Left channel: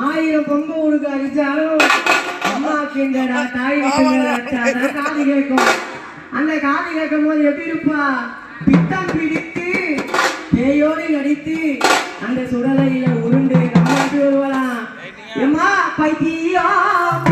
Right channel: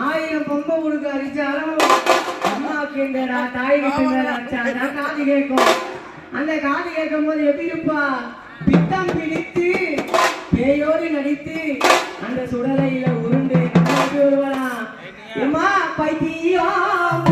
ஆயிரம் பொம்பை உடுக்க அடிச்சாலும் அம்மா கேண்டடா தாய் காது கேட்கும். அந்த காது கேட்கும் போது எப்படி இருப்பா? பித்தம் பிடித்து பேயோடி நடித்து அந்த சுடலையில உருண்டு கம்மாட்டி வருவாளாம். எம்மா பைத்தியம்